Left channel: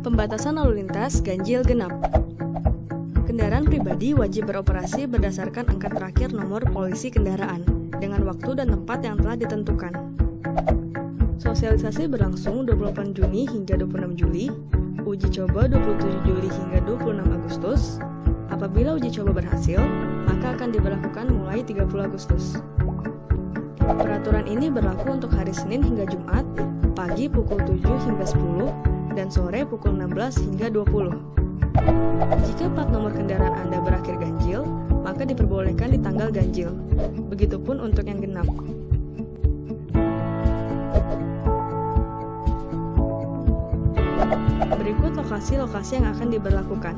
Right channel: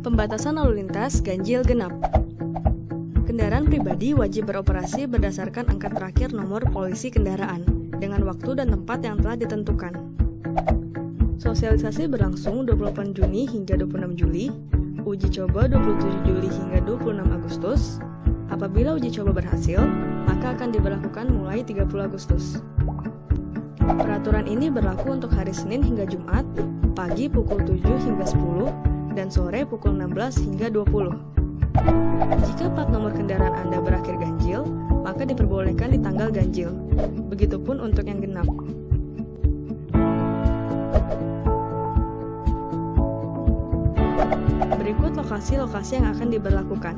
Pembatasan lalu lintas ganjil genap. Kendaraan pribadi wajib beroperasi berdasarkan angka terakhir nomor polisi kendaraan dengan waktu dan tempat yang telah ditentukan. Sosialisasi berlangsung 28 Juni hingga 26 Juli, uji coba 27 Juli hingga 26 Agustus. Apabila uji coba berhasil, maka akan diberlakukan mulai 30 Agustus. Peraturan ini berlaku untuk hari Senin hingga Jumat, pagi pukul 7 hingga 10, dan sore pukul 16 hingga 20. Jika plat nomor kendaraan Anda berakhir ganjil, maka diperbolehkan di tanggal ganjil. Begitupun untuk yang genap. Berikut lokasi-lokasi yang akan diberlakukan.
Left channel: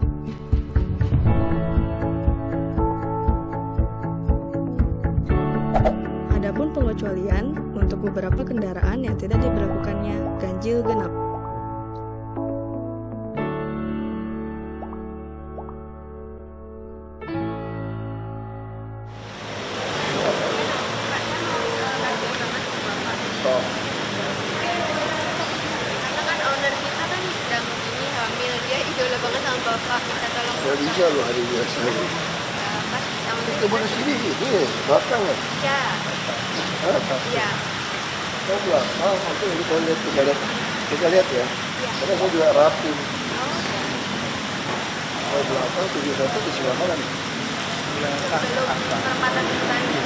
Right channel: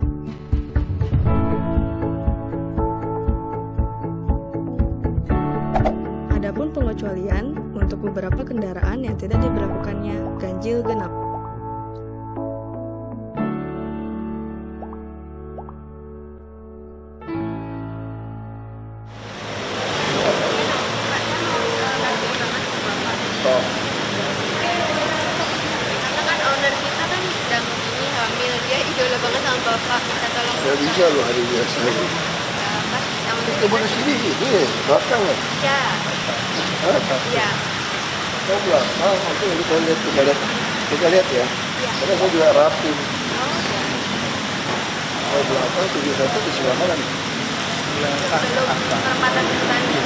Adapun pengecualian untuk beberapa kendaraan yang tidak diberlakukannya ganjil genap. Karena kan owner kita kan sedang ini hamil, dia idola banget sama bapak, minta tolong. Gak bisa loh hari biasa. Pas sama Coba di sini, ini belakang ya. Ya, Apa? ya, Saya belakang, oke kita lihat ya. Karena saya juga rapi. Kalau belakang 71 di sebelah mana nih? belum perempatan depannya.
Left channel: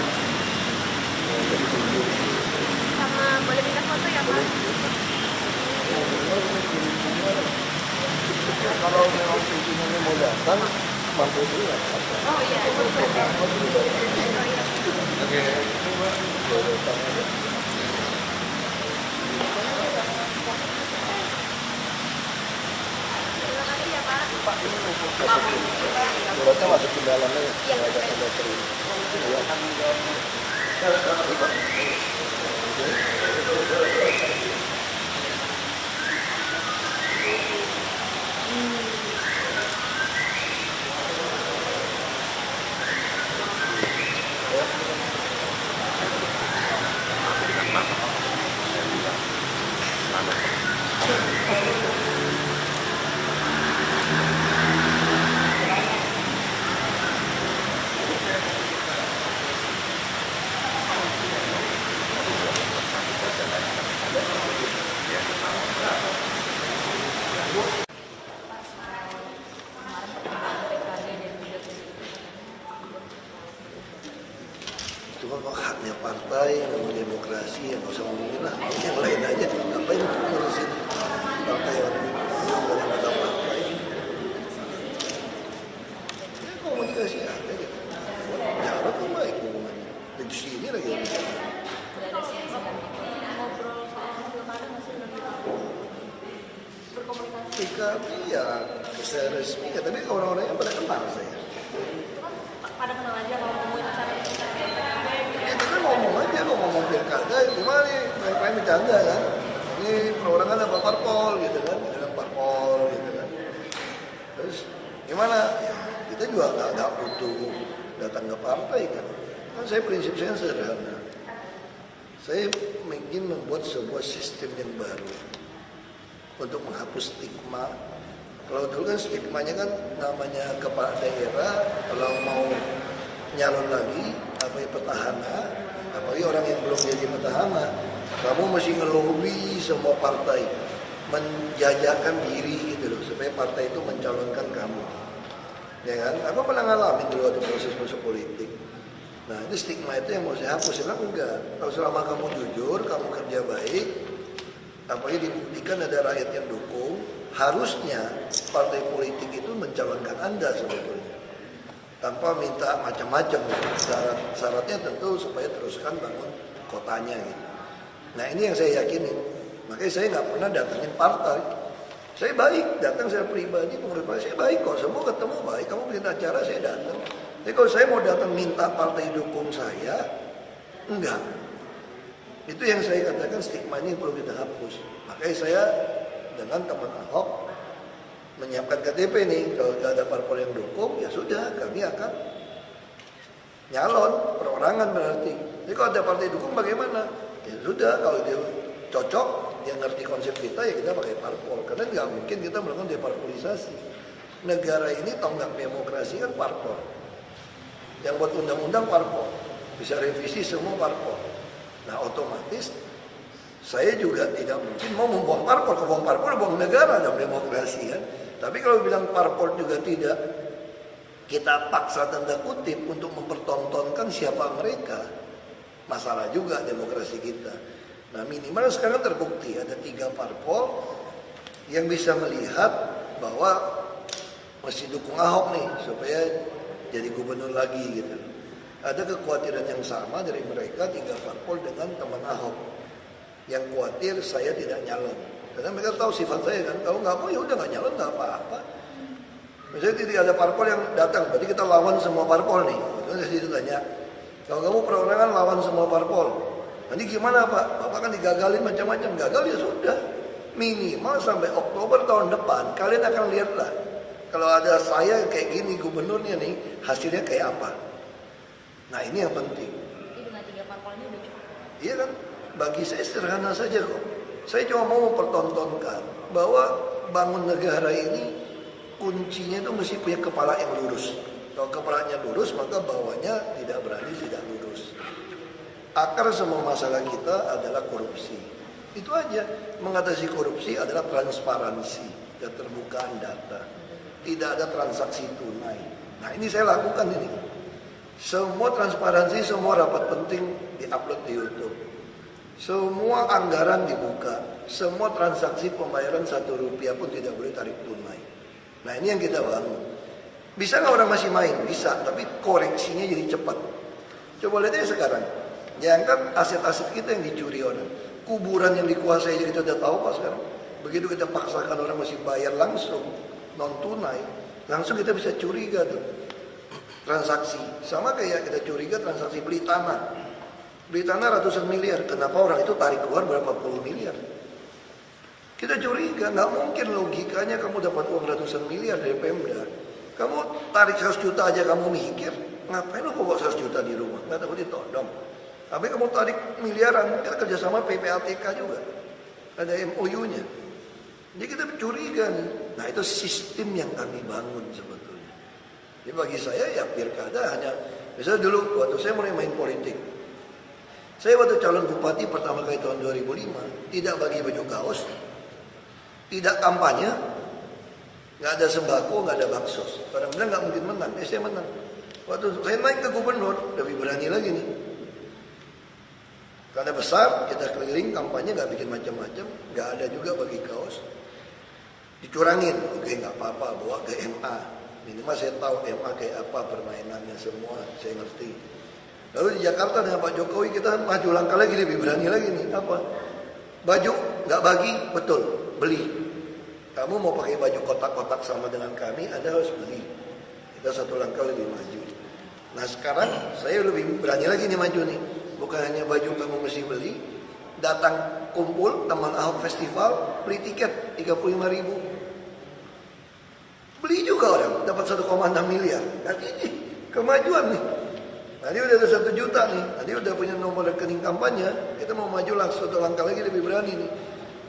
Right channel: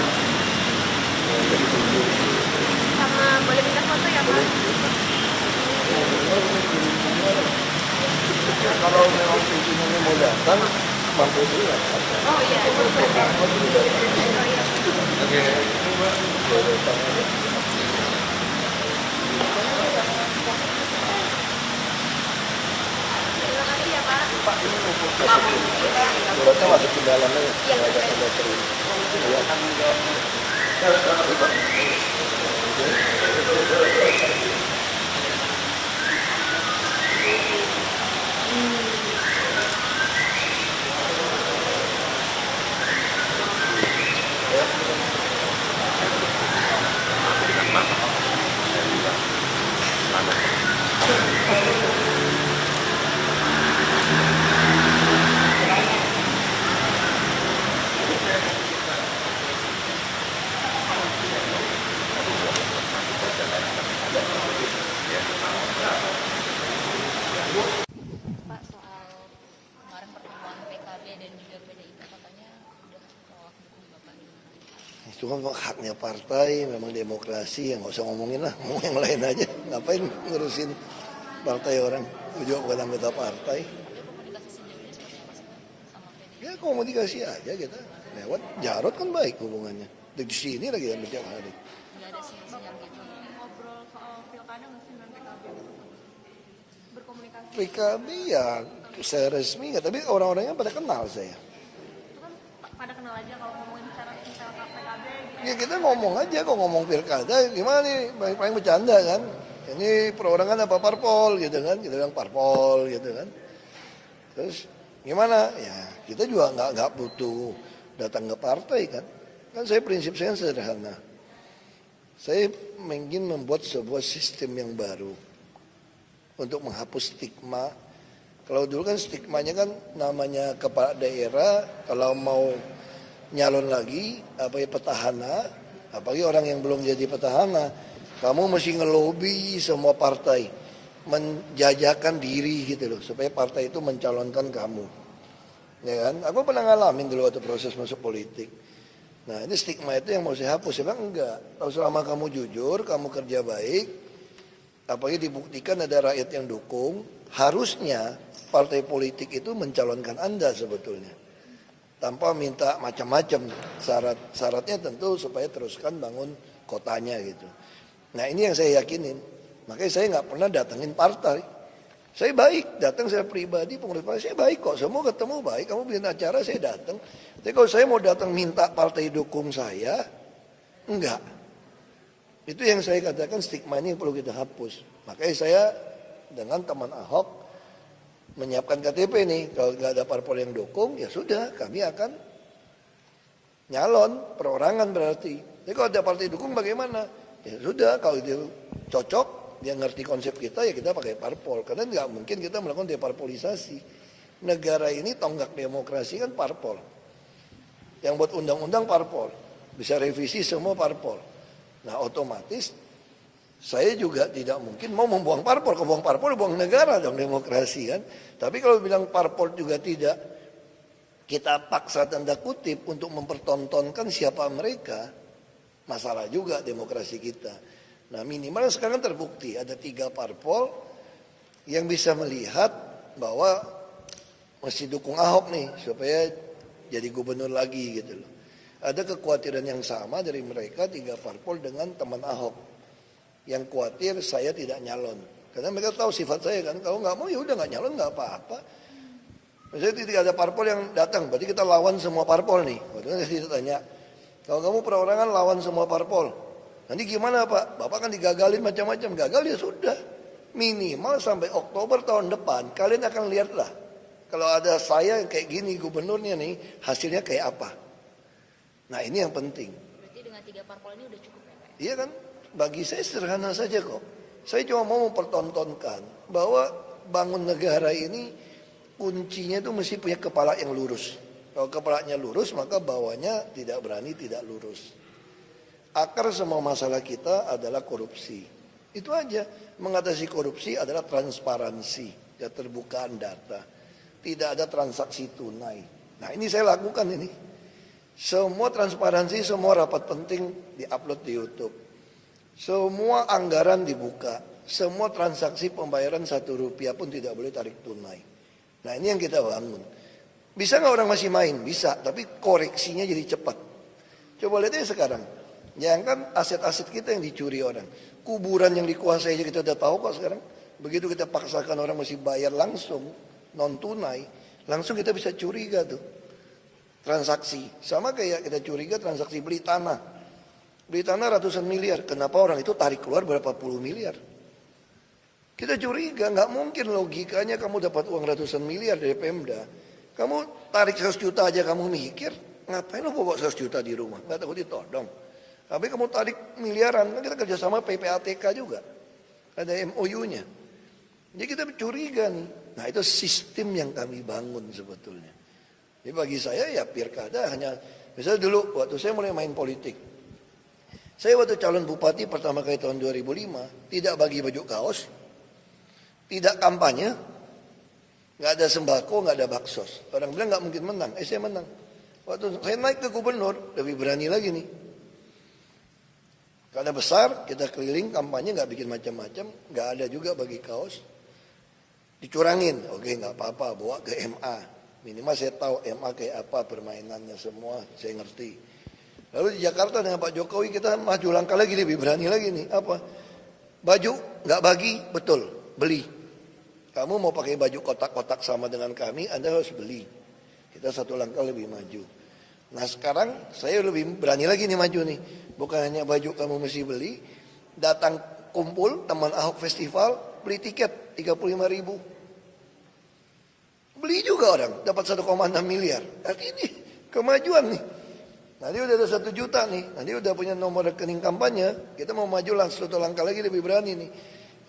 Jadi 7. Sama boleh minta foto ya Pak? Kalau memang pimpinan mau datang, mampu dulu lah. Oh iya, itu benar. Oke. Terima kasih ya Pak. Suratnya masuk ke dalamnya. Iya, Ada betul. tanda terima. Cuma haknya partai, memang demokrasi, yang nggak usah ngomongin lah, mau yang lain aja. Ngapain ngurusin partai orang? Juga bukan anggota partai. Ya komunikasi aja gitu. Jarod kan baik hubungannya. Di sini lagi yang bicara. PKB ya saya resmi ya, tapi orang-orangnya pada kenal saya. Ya kita ngomong aja, kok ngomong pilkada gimana nih, banyak bercanda kan. Ini perorangan apa parpol gitu kan, kita bilang parpol gitu kan. Terus gimana? Ya kita juga nggak butuh datang ke partai kan. Kan saya prinsip saya sederhana. Saya ingin membuat sebuah sistem yang baru untuk menghapus stigma. Kalau dulu kan stigmanya kan namanya kepala daerah kalau mau nyalon lagi apa ya petahana, apalagi orang yang belum jadi petahana, kamu mesti ngelobi semua partai menjajakan diri gitu loh supaya partai itu mencalonkan kamu. Ya kan? Apa pernah ngalamin dulu waktu proses masuk politik? Nah, ini stigma itu yang mau dihapus. Ya enggak. Kalau selama kamu jujur, kamu kerja baik, apalagi dibuktikan ada rakyat yang dukung, harusnya partai politik itu mencalonkan Anda sebetulnya. Tanpa minta macam-macam. Syaratnya tentu supaya teruskan bangun kotanya gitu. Nah ini yang saya yakinin. Makanya saya nggak pernah datangin partai. Saya baik, datang saya pribadi, pengurus partai saya baik kok. Semua ketemu baik, kamu bikin acara saya datang. Tapi kalau saya mau datang minta partai dukung saya, enggak. Itu yang saya katakan stigma ini yang perlu kita hapus. Makanya saya dengan teman Ahok menyiapkan KTP nih. Kalau nggak ada parpol yang dukung, ya sudah kami akan nyalon perorangan berarti. Jadi kalau ada partai dukung bagaimana? Ya sudah kalau dia cocok dia ngerti konsep kita, ya kita pakai parpol. Karena nggak mungkin kita melakukan deparpolisasi. Negara ini tonggak demokrasi kan parpol. Yang buat undang-undang parpol, bisa revisi semua parpol. Nah otomatis saya juga tidak mungkin mau membuang parpol. Kalau buang parpol, buang negara dalam demokrasi kan. Tapi kalau bilang parpol juga tidak, kita paksa tanda kutip untuk mempertontonkan siapa mereka, masalah juga demokrasi kita. Nah minimal sekarang terbukti ada 3 parpol yang bisa melihat bahwa mesti dukung Ahok nih supaya jadi gubernur lagi gitu. Ada kekhawatiran yang sama dari mereka 3 parpol dengan teman Ahok yang khawatir saya tidak nyalon. Karena mereka tahu sifat saya kan, kalau nggak mau ya udah nggak nyalon nggak apa-apa. Misalnya tidak ada parpol yang datang, berarti kita lawan semua parpol nih. Betul saya ditanya, kalau kamu perorangan lawan semua parpol, nanti gimana Pak? Bapak kan digagalin macam-macam, gagal ya sudah. Minimal sampai Oktober tahun depan, kalian akan lihatlah. Kalau ada saya kayak gini gubernurnya nih, hasilnya kayak apa. Nah ini yang penting. Jadi dengan 3 parpol ini udah cukup. Iya kan? Bagi saya sederhana saja kok. Saya cuma mau mempertontonkan bahwa bangun negara ini kuncinya itu mesti punya kepala yang lurus. Kalau kepalanya lurus maka bawahnya tidak berani tidak lurus. Akar semua masalah kita adalah korupsi. Itu aja. Mengatasi korupsi adalah transparansi, keterbukaan data. Tidak ada transaksi tunai. Nah ini saya lakukan ini. Semua transparansi, semua rapat penting diupload di YouTube. Semua anggaran dibuka. Semua transaksi pembayaran 1 rupiah pun tidak boleh tarik tunai. Nah ini yang kita bangun. Bisa nggak orang masih main? Bisa, tapi koreksinya jadi cepat. Coba lihat aja sekarang. Jangan kan aset-aset kita yang dicuri orang. Kuburan yang dikuasai kita udah tahu Pak sekarang. Begitu kita paksakan orang mesti bayar langsung, non tunai, langsung kita bisa curiga tuh. Transaksi. Sama kayak kita curiga transaksi beli tanah. Beli tanah ratusan miliar. Kenapa orang itu tarik keluar berapa puluh miliar? Kita curiga, nggak mungkin logikanya kamu dapat uang ratusan miliar dari Pemda. Kamu tarik 100 juta aja kamu mikir, ngapain lo bawa 100 juta di rumah? Nggak tahu ditodong. Tapi kamu tarik miliaran, kita kerjasama PPATK juga. Ada MOU-nya. Jadi kita curiga nih. Nah itu sistem yang kami bangun sebetulnya. Jadi bagi saya ya pilkada hanya, misalnya dulu waktu saya mulai main politik. Saya waktu calon bupati pertama kali tahun 2005, tidak bagi baju kaos, tidak kampanye, nggak ada sembako, nggak ada baksos. Orang bilang nggak mungkin menang, saya menang. Waktu saya naik ke gubernur, lebih berani lagi nih. Karena besar, kita keliling kampanye nggak bikin macam-macam, nggak ada juga bagi kaos. Dicurangin, oke nggak apa-apa, bawa ke MA. Minimal saya tahu MA kayak apa permainannya semua, saya ngerti. Lalu di Jakarta dengan Pak Jokowi kita maju langkah lagi, lebih berani lagi nih. Apa? Baju nggak bagi, betul, beli. Kamu mau pakai baju kotak-kotak sama dengan kami, Anda harus beli. Kita satu langkah lebih maju. Nah sekarang saya lebih berani lagi nih maju nih. Bukan hanya baju kamu mesti beli, datang kumpul teman Ahok Festival, beli tiket 35.000. Beli juga orang, dapat 1,6 miliar. Nah ini kemajuan nih. Nanti udah ada 1 juta nih, nanti udah punya nomor rekening kampanye, kita mau maju langsung 1 langkah lagi lebih berani nih.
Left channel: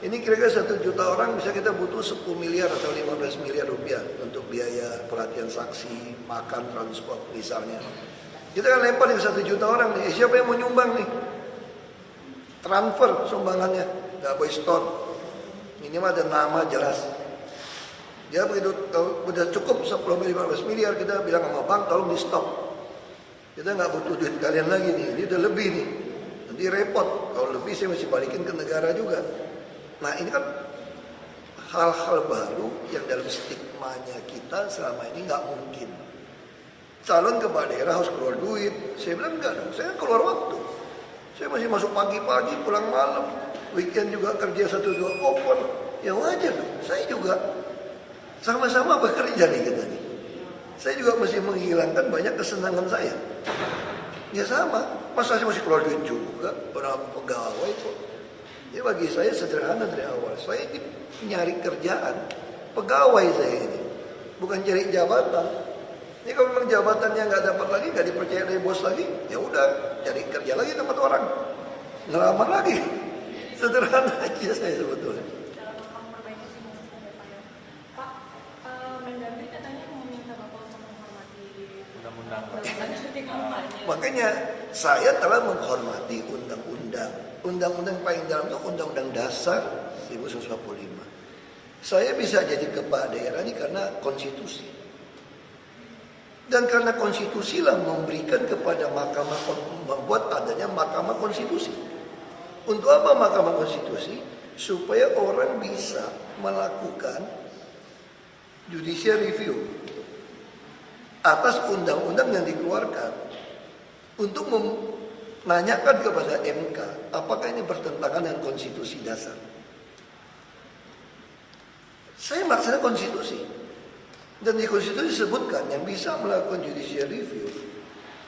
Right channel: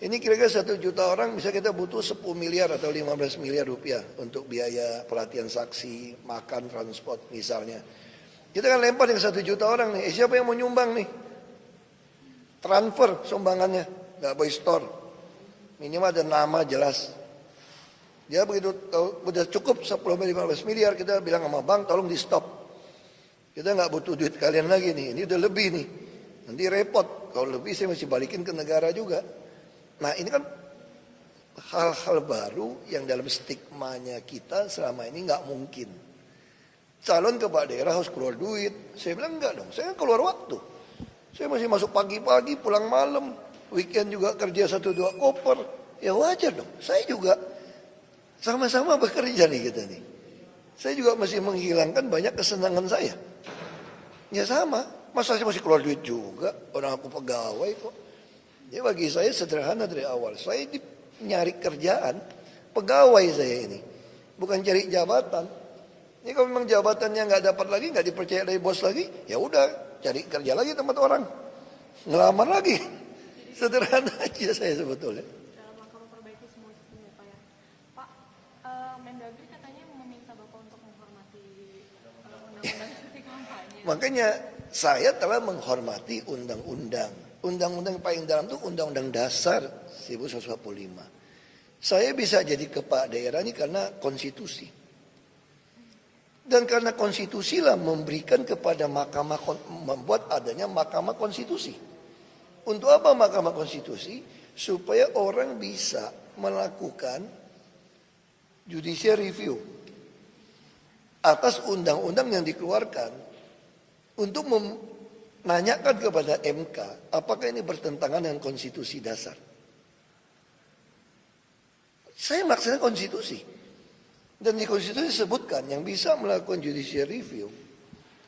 Ini kira-kira 1 juta orang bisa kita butuh 10 miliar atau 15 miliar rupiah untuk biaya pelatihan saksi, makan, transport misalnya. Kita kan lempar yang 1 juta orang nih, siapa yang mau nyumbang nih? Transfer sumbangannya, nggak boleh store. Minimal ada nama jelas. Dia begitu udah cukup 10-15 miliar, kita bilang sama bank tolong di stop. Kita nggak butuh duit kalian lagi nih, ini udah lebih nih. Nanti repot, kalau lebih saya mesti balikin ke negara juga. Nah ini kan hal-hal baru yang dalam stigmanya kita selama ini nggak mungkin. Calon kepala daerah harus keluar duit. Saya bilang enggak dong, saya keluar waktu. Saya masih masuk pagi-pagi, pulang malam. Weekend juga kerja 1-2 koper. Ya wajar dong, saya juga sama-sama bekerja nih kita nih. Saya juga masih menghilangkan banyak kesenangan saya. Ya sama, masa saya masih keluar duit juga, orang aku pegawai kok. Ya bagi saya sederhana dari awal, saya nyari kerjaan, pegawai saya ini, bukan cari jabatan. Ini kalau memang jabatannya nggak dapat lagi, nggak dipercaya dari bos lagi, ya udah cari kerja lagi tempat orang, ngelamar lagi. Sederhana aja saya sebetulnya. Makanya saya telah menghormati undang-undang. Undang-undang paling dalam itu Undang-Undang Dasar 1945. Saya bisa jadi kepala daerah ini karena konstitusi. Dan karena konstitusi lah memberikan kepada mahkamah, membuat adanya mahkamah konstitusi. Untuk apa mahkamah konstitusi? Supaya orang bisa melakukan judicial review atas undang-undang yang dikeluarkan untuk menanyakan kepada MK apakah ini bertentangan dengan konstitusi dasar. Saya melaksanakan konstitusi. Dan di konstitusi disebutkan yang bisa melakukan judicial review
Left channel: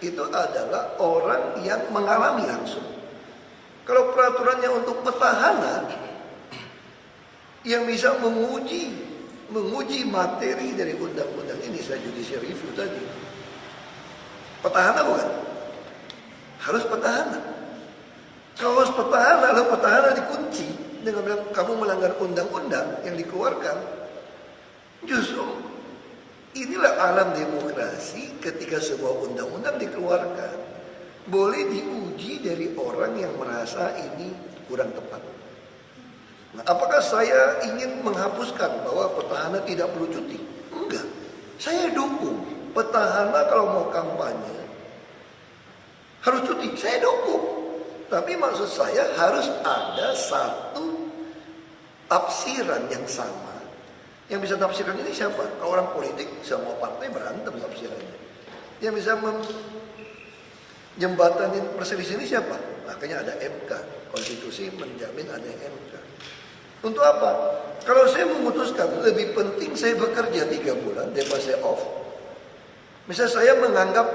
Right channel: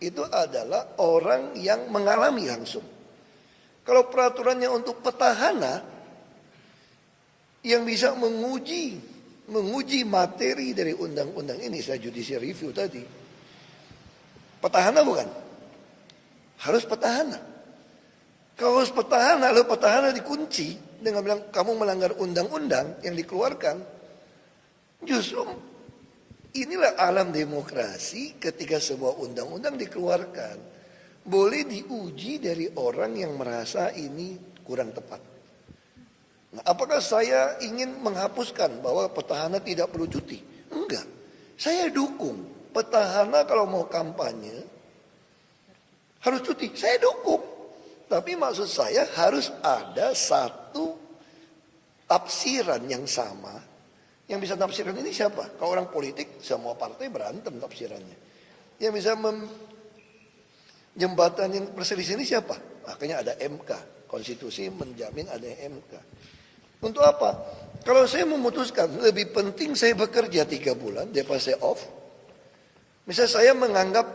itu adalah orang yang mengalami langsung. Kalau peraturannya untuk petahana yang bisa menguji materi dari undang-undang ini, saya judicial review tadi. Petahana bukan? Harus petahana. Kalau harus petahana, lalu petahana dikunci dengan bilang kamu melanggar undang-undang yang dikeluarkan. Justru inilah alam demokrasi ketika sebuah undang-undang dikeluarkan. Boleh diuji dari orang yang merasa ini kurang tepat. Nah, apakah saya ingin menghapuskan bahwa petahana tidak perlu cuti? Enggak. Saya dukung petahana kalau mau kampanye harus cuti. Saya dukung. Tapi maksud saya harus ada satu tafsiran yang sama. Yang bisa tafsirkan ini siapa? Kalau orang politik, semua partai berantem tafsirannya. Yang bisa jembatanin perselisihan ini siapa? Makanya ada MK. Konstitusi menjamin ada MK. Untuk apa? Kalau saya memutuskan lebih penting saya bekerja 3 bulan daripada saya off. Misalnya saya menganggap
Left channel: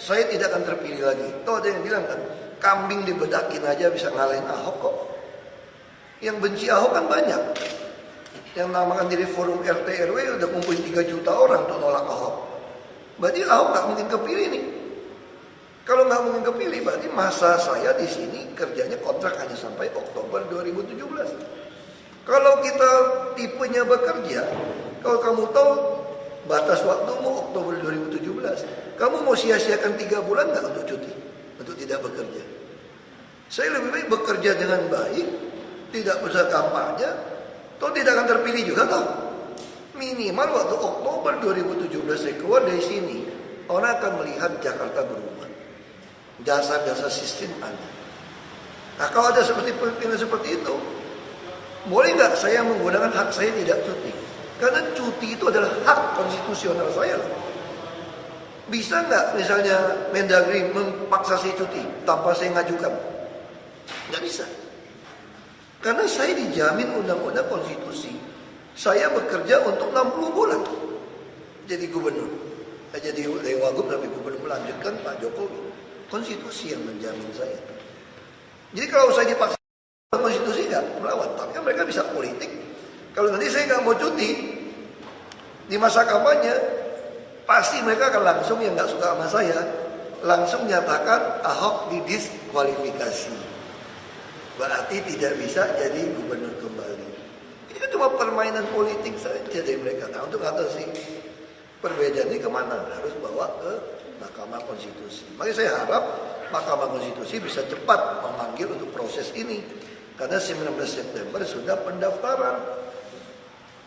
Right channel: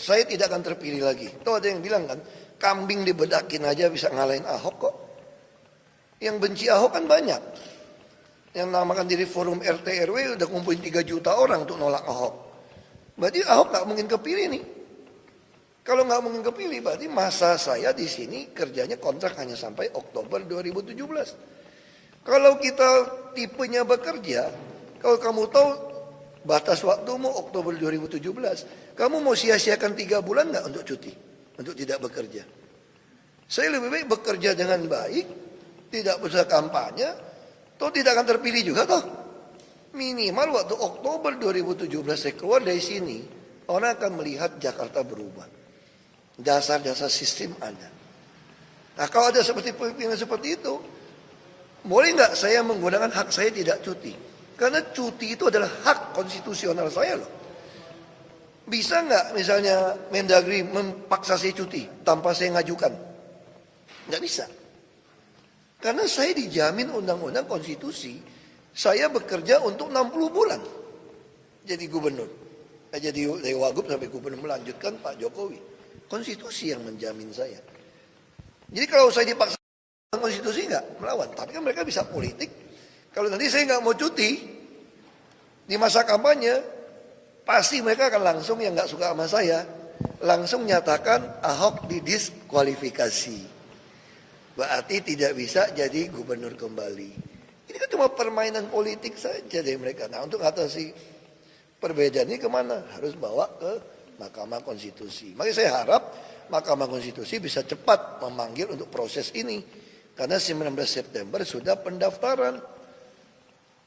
saya tidak akan terpilih lagi. Tuh ada yang bilang kan, kambing dibedakin aja bisa ngalahin Ahok kok. Yang benci Ahok kan banyak. Yang namakan diri forum RT RW udah ngumpulin 3 juta orang untuk nolak Ahok. Berarti Ahok gak mungkin kepilih nih. Kalau nggak mungkin kepilih, berarti masa saya di sini kerjanya kontrak hanya sampai Oktober 2017. Kalau kita tipenya bekerja, kalau kamu tahu batas waktumu Oktober 2017, kamu mau sia-siakan 3 bulan nggak untuk cuti, untuk tidak bekerja? Saya lebih baik bekerja dengan baik, tidak usah kampanye, toh tidak akan terpilih juga toh. Minimal waktu Oktober 2017 saya keluar dari sini, orang akan melihat Jakarta berubah. Dasar-dasar sistem ada. Nah kalau ada pimpinan seperti itu, boleh nggak saya menggunakan hak saya tidak cuti? Karena cuti itu adalah hak konstitusional saya loh. Bisa nggak misalnya Mendagri memaksa saya cuti tanpa saya ngajukan? Nggak bisa. Karena saya dijamin undang-undang konstitusi. Saya bekerja untuk 60 bulan jadi gubernur. Jadi wagub tapi gubernur melanjutkan Pak Jokowi. Konstitusi yang menjamin saya. Jadi kalau saya dipaksa konstitusi nggak melawan, tapi kan mereka bisa politik. Kalau nanti saya nggak mau cuti di masa kampanye, pasti mereka akan langsung yang nggak suka sama saya langsung nyatakan Ahok didiskualifikasi. Berarti tidak bisa jadi gubernur kembali. Ini kan cuma permainan politik saja dari mereka. Nah untuk atasi perbedaan ini kemana? Harus bawa ke Mahkamah Konstitusi. Makanya saya harap Mahkamah Konstitusi bisa cepat memanggil untuk proses ini. Karena 19 September sudah pendaftaran.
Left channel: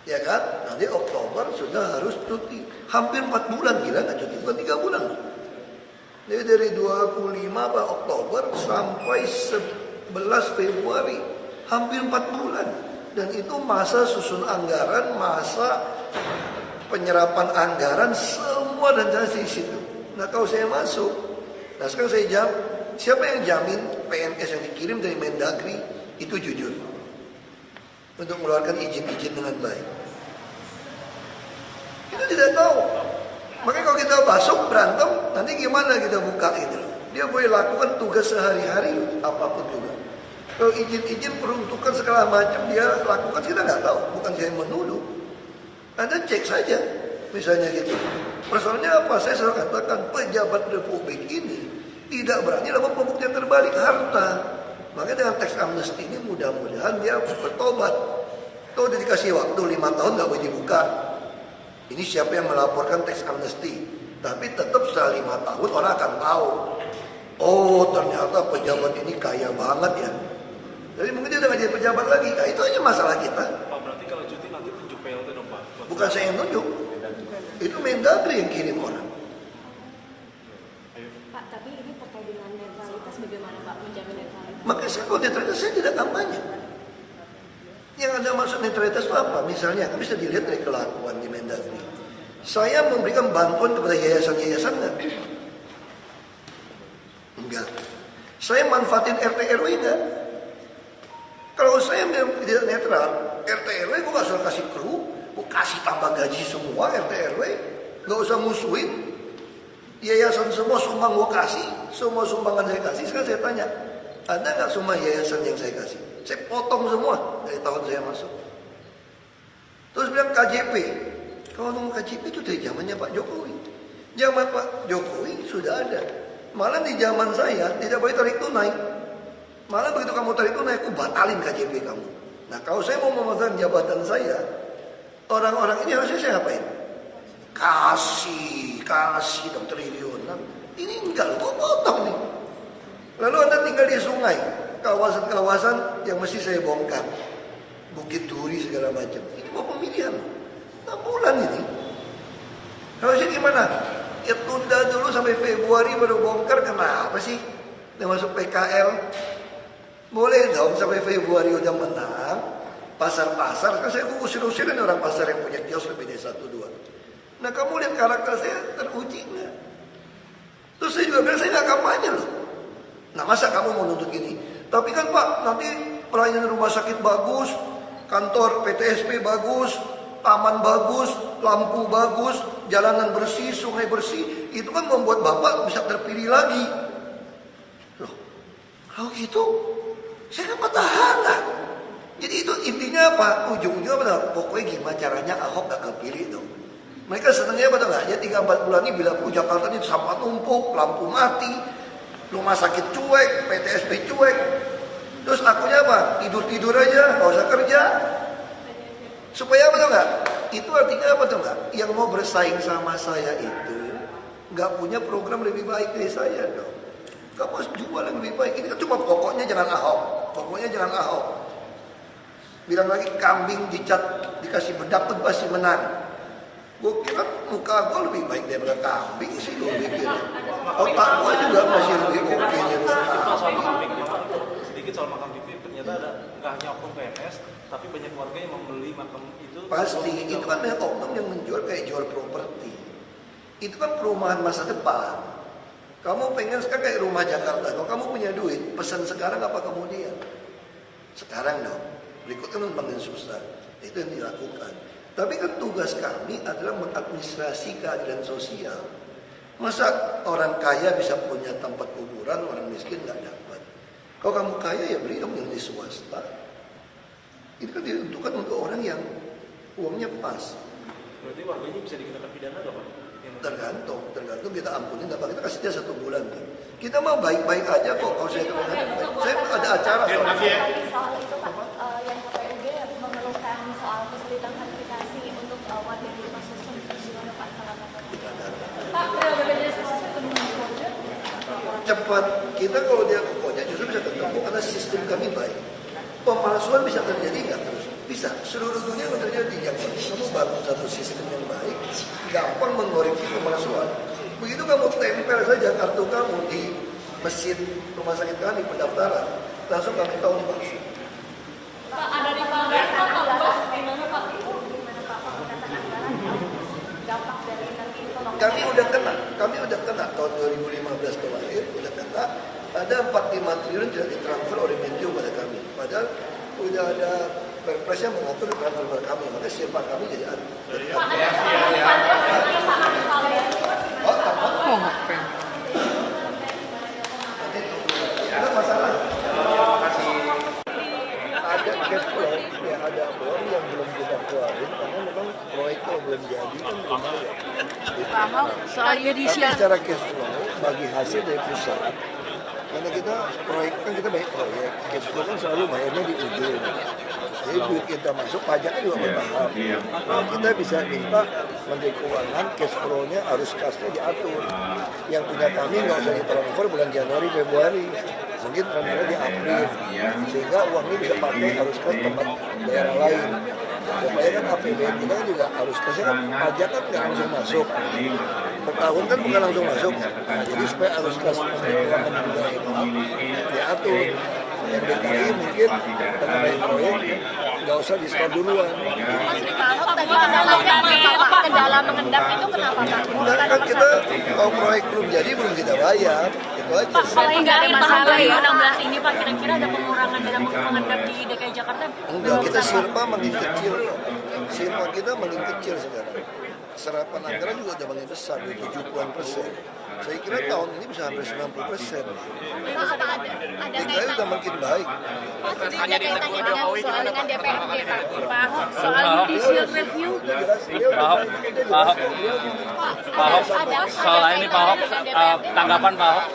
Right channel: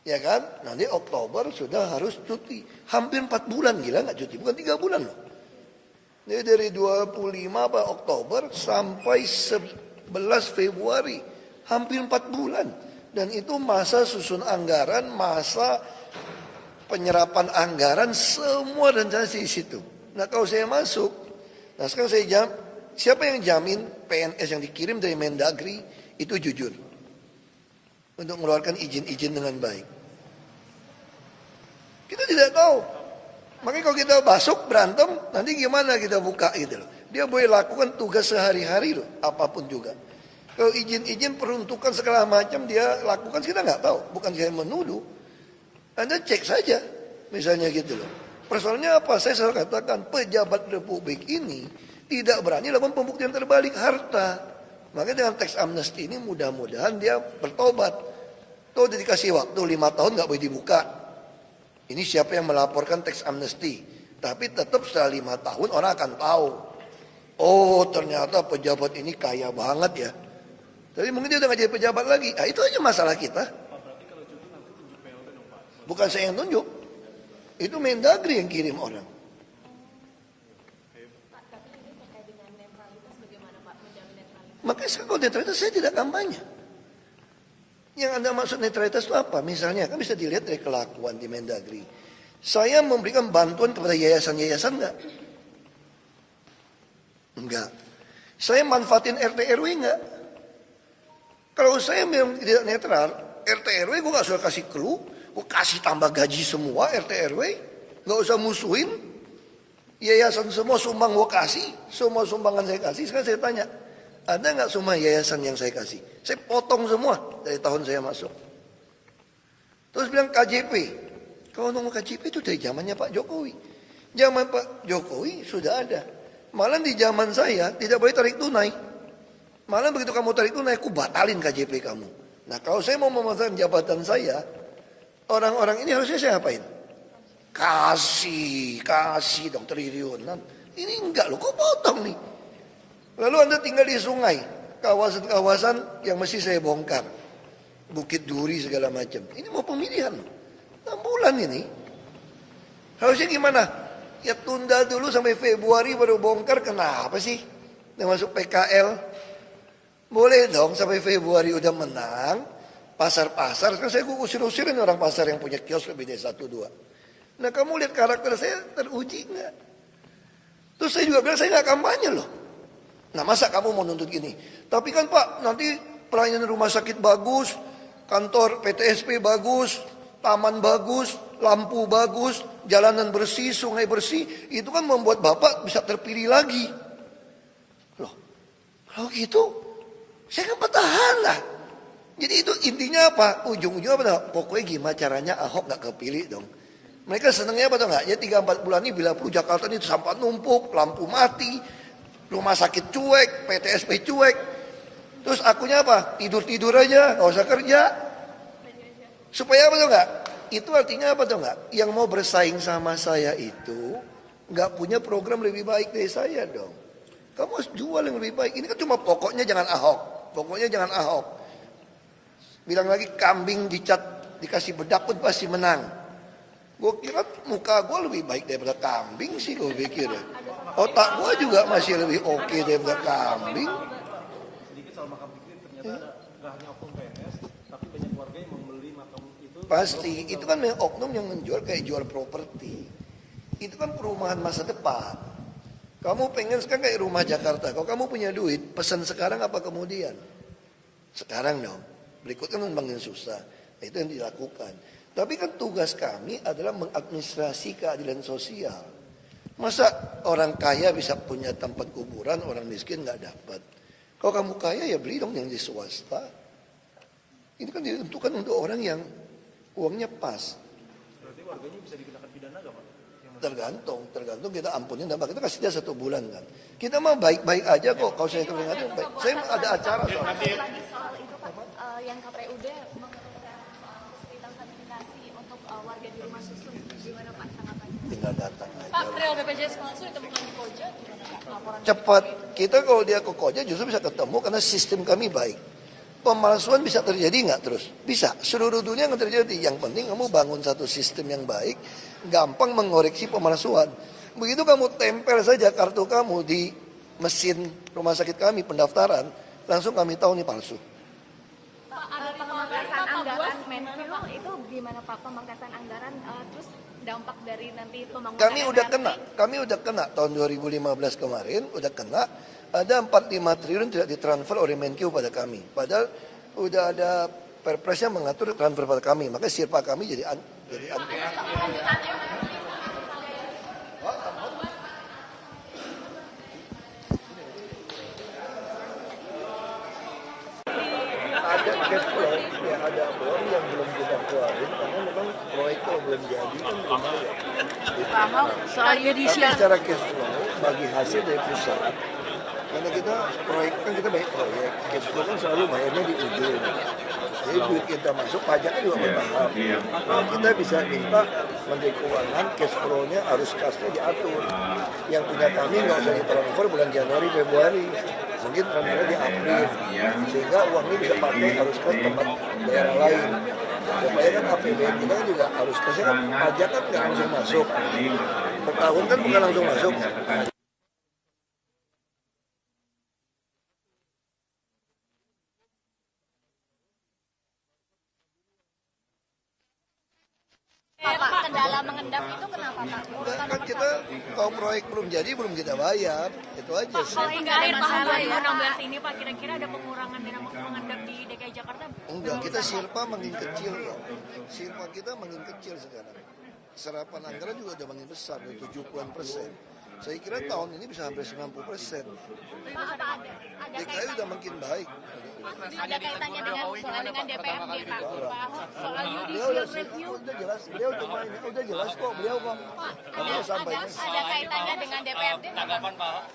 Ya kan? Nanti Oktober sudah harus cuti. Hampir 4 bulan gila nggak cuti. Bukan 3 bulan. Jadi dari 25 Oktober sampai 11 Februari. Hampir 4 bulan. Dan itu masa susun anggaran, masa penyerapan anggaran, semua rencana di situ. Nah kalau saya masuk, nah sekarang saya siapa yang jamin PNS yang dikirim dari Mendagri itu jujur untuk mengeluarkan izin-izin dengan baik? Kita tidak tahu. Makanya kalau kita masuk berantem, nanti gimana kita buka itu? Dia boleh lakukan tugas sehari-hari loh, apapun juga. Kalau izin-izin peruntukan segala macam dia lakukan, kita nggak tahu. Bukan saya menuduh. Anda cek saja, misalnya gitu. Persoalannya apa? Saya selalu katakan pejabat republik ini tidak berani lakukan pembuktian terbalik harta. Makanya dengan tax amnesty ini mudah-mudahan dia bertobat. Tuh udah dikasih waktu 5 tahun nggak boleh dibuka. Ini siapa yang melaporkan tax amnesty. Tapi tetap setelah 5 tahun orang akan tahu. Oh ternyata pejabat ini kaya banget ya. Jadi mungkin dia udah nggak jadi pejabat lagi. Nah itu aja masalah kita. Pak, berarti kalau cuti nanti tunjuk PLT dong Pak? Bukan saya yang nunjuk. Itu Mendagri yang kirim orang. Pak, tapi ini terkait dengan netralitas, bagaimana Pak menjamin netralitas? Makanya kalau netralitas saya tidak kampanye. Yang ada maksud netralitas itu apa? Misalnya, kan bisa dilihat dari kelakuan di Mendagri. Saya memberikan bantuan kepada yayasan-yayasan enggak? Enggak. Saya manfaatin RT RW enggak? Kalau saya memang tidak netral, RT RW gue gak usah kasih clue, gue kasih tambah gaji semua RT RW, gak usah musuhin. Yayasan semua sumbang gue kasih, semua sumbangan saya kasih. Sekarang saya tanya, ada nggak semua yayasan yang saya kasih? Saya potong semua dari tahun saya masuk. Terus bilang KJP. Kalau ngomong KJP itu dari zamannya Pak Jokowi. Zaman Pak Jokowi sudah ada. Malah di zaman saya tidak boleh tarik tunai. Malah begitu kamu tarik tunai, aku batalin KJP kamu. Nah kalau saya mau memanfaatkan jabatan saya, orang-orang ini harusnya saya apain? Kasih dong triliunan. Ini enggak loh, kok potong nih. Lalu Anda tinggal di sungai, kawasan-kawasan yang mesti saya bongkar. Bukit Duri segala macam. Ini mau pemilihan. 6 bulan ini. Harusnya gimana? Ya tunda dulu sampai Februari baru bongkar. Kenapa sih? Yang masuk PKL. Boleh dong sampai Februari udah menang. Pasar-pasar. Kan saya usir-usirin orang pasar yang punya kios lebih dari 1-2. Nah kamu lihat karakter saya teruji nggak? Terus saya juga bilang saya nggak kampanye loh. Nah masa kamu mau nuntut ini? Tapi kan Pak nanti pelayanan rumah sakit bagus, kantor PTSP bagus, taman bagus, lampu bagus, jalanan bersih, sungai bersih. Itu kan membuat Bapak bisa terpilih lagi. Loh, kalau gitu saya kan petahana. Jadi itu intinya apa? Ujung-ujungnya apa? Pokoknya gimana caranya Ahok nggak kepilih dong. Mereka senangnya apa tuh nggak? Ya 3-4 bulan ini bila Jakarta ini sampah tumpuk, lampu mati, rumah sakit cuek, PTSP cuek. Terus akunya apa? Tidur-tidur aja, nggak usah kerja. Supaya apa tuh nggak? Itu artinya apa tuh nggak? Yang mau bersaing sama saya itu nggak punya program lebih baik dari saya dong. Kamu harus jual yang lebih baik. Ini kan cuma pokoknya jangan Ahok. Pokoknya jangan Ahok. Bilang lagi kambing dicat dikasih bedak pun pasti menang. Gue kira muka gue lebih baik daripada kambing sih gue pikir. Otak gue juga masih lebih oke daripada kambing. Sedikit soal makam TV, ternyata ada nggak hanya oknum PNS, tapi banyak warga yang membeli makam itu. Pasti, itu kan banyak oknum yang menjual kayak jual properti. Itu kan perumahan masa depan. Kamu pengen sekarang kayak rumah Jakarta, kalau kamu punya duit, pesan sekarang apa kemudian? Sekarang dong, berikutnya memang susah. Itu yang dilakukan. Tapi kan tugas kami adalah mengadministrasi keadilan sosial. Masa orang kaya bisa punya tempat kuburan, orang miskin nggak dapat. Kalau kamu kaya ya beli dong yang di swasta. Ini kan ditentukan untuk orang yang uangnya pas. Berarti warga itu bisa dikenakan pidana nggak Pak? Tergantung kita ampunin, tapi kita kasih dia 1 bulan kan. Kita mau baik-baik aja kok kalau saya kena baik. Saya ada acara soal Soal itu Pak, yang KPUD yang memerlukan soal kesulitan verifikasi untuk warga di rumah susun, gimana Pak? kita data. Pak, BPJS itu gimana? Cepat. Kita kalau dia kokohnya justru bisa ketemu karena sistem kami baik. Pemalsuan bisa terjadi nggak terus? Bisa. Seluruh dunia nggak terjadi. Yang penting kamu bangun satu sistem yang baik, gampang mengoreksi pemalsuan. Begitu kamu tempel saja kartu kamu di mesin rumah sakit kami pendaftaran, langsung kami tahu ini palsu. Pak, ada di anggaran Pak itu gimana Pak pemangkasan anggaran dampak dari nanti pembangunan? Kami udah kena tahun 2015 kemarin udah kena. Ada 45 triliun tidak ditransfer oleh Menkyu pada kami. Padahal udah ada perpres yang mengatur transfer pada kami. Maka sirpa kami jadi dari ada cash flow, ya ada uang yang belum kita keluarin karena memang proyek kalau belum jadi kan belum ada. Pak Ahok, soal Tapi judicial secara cash flow bagi hasil dari pusat Karena kita proyek kan kita banyak proyek, cash flow kan selalu bayarnya di ujung. Jadi duit kita masuk, pajak kan juga bertahap. Nah, kita bisa minta Menteri Keuangan cash flow-nya arus kasnya diatur. Yang punya kami nggak usah ditransfer bulan Januari, Februari. Mungkin transfernya di April. Sehingga uang ini bisa pakai arus kas tempat daerah lain. Supaya kan APBN kita kan juga arus kasnya kan pajak kan nggak langsung masuk. Per tahun kan bukan langsung masuk. Nah, jadi supaya arus kas Menteri Keuangan juga hemat, diatur. Yang DKI mungkin terkait proyek nggak usah di stop duluan. Mas Ricardo tadi kendala kendala mengendap itu kenapa Pak? Enggak kan kita kalau proyek belum jadi belum kita bayar, itu aja. Pak, kalau dari tahun 2016 ini Pak, kira-kira ada pengurangan dalam mengendap di DKI Jakarta? Enggak, kita silpa makin kecil. Silpa kita makin kecil sekarang. Serapan anggaran juga udah makin besar, 70-an%. Saya kira tahun ini bisa hampir 90%. Apa ada DKI udah makin baik. ada kaitannya dengan DPRD Pak Ahok soal judicial review? Pak Ahok, soal ini Pak Ahok, tanggapan Pak Ahok?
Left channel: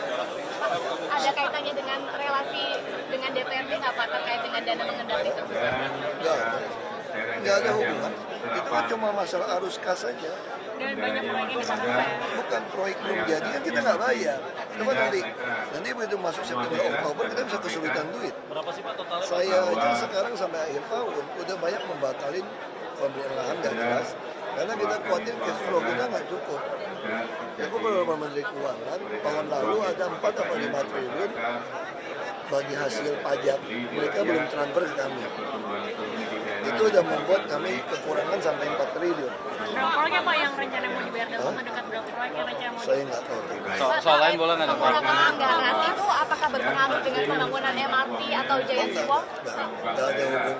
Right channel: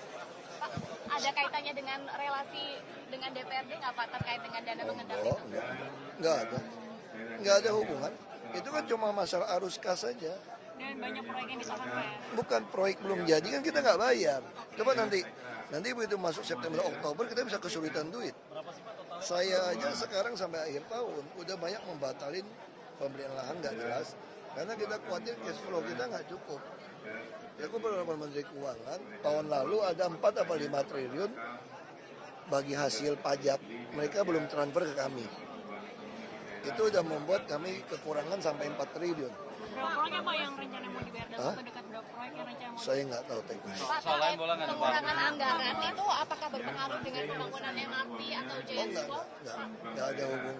Ada kaitannya dengan relasi dengan DPRD nggak Pak terkait dengan dana mengendap itu? Enggak ada hubungan. Itu kan cuma masalah arus kas saja. Dan banyak proyek yang dipakai. Bukan proyek belum jadi kan kita nggak bayar. Itu kan nanti begitu masuk September Oktober kita bisa kesulitan duit. Berapa sih Pak totalnya? Saya aja sekarang sampai akhir tahun udah banyak membatalin pemberian lahan nggak jelas karena kita khawatir cash flow kita nggak cukup. Ya, aku beberapa Menteri Keuangan tahun lalu ada 4 atau 5 triliun bagi hasil pajak mereka belum transfer ke kami. Itu udah membuat kami kekurangan sampai 4 triliun. Berapa proyek Pak yang rencana mau dibayar dalam waktu dekat, berapa proyek yang rencana mau Saya nggak tahu. Soal lain boleh nggak? pengurangan anggaran itu apakah berpengaruh dengan pembangunan MRT atau Giant Swap? Nggak ada hubungan.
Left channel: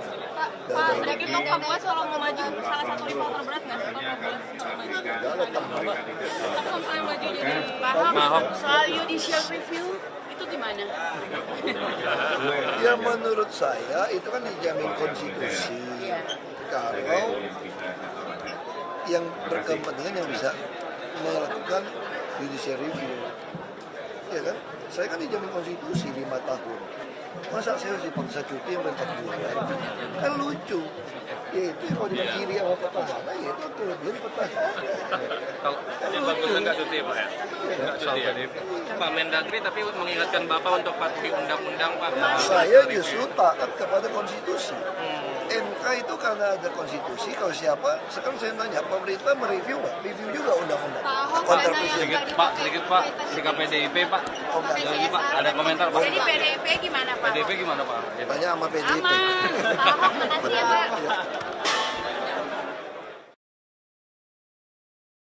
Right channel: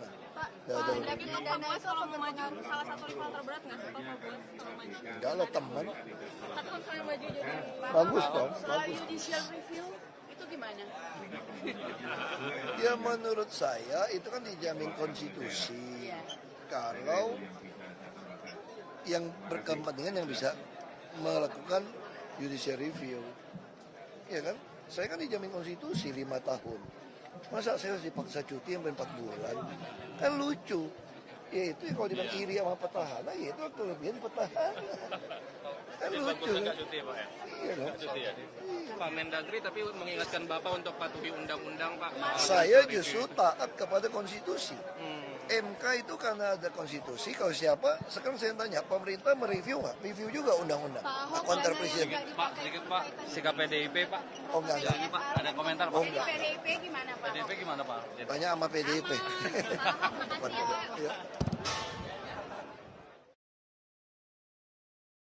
Pak, berarti Pak Kapuas kalau mau maju salah satu rival terberat nggak sih Pak Kapuas? Nggak ada teman. Sampai maju jadi Pak Ahok soal judicial review itu gimana? Ya menurut saya itu kan dijamin konstitusi. Kalau yang berkepentingan yang bisa melakukan judicial review, ya kan? Saya kan dijamin konstitusi 5 tahun. Masa saya harus dipaksa cuti yang 4 bulan? Kan lucu. Ya itu yang mau dipilih sama petahana, ya itu kelebihan petahana. Kalau yang bagusnya nggak cuti Pak ya? Nggak cuti ya? Pak Mendagri tapi mengingatkan Bapak untuk patuhi undang-undang Pak. Saya justru taat kepada konstitusi. MK itu karena ada konstitusi, kalau siapa, sekarang saya tanya, pemerintah mereview nggak? Review juga undang-undang. Konter presiden. Sedikit Pak, sikap PDIP Pak. Lagi Pak, ada komentar Pak. Jadi PDIP gimana Pak? PDIP gimana Pak? Tanya sama PDIP. Pak Ahok, makasih ya Pak.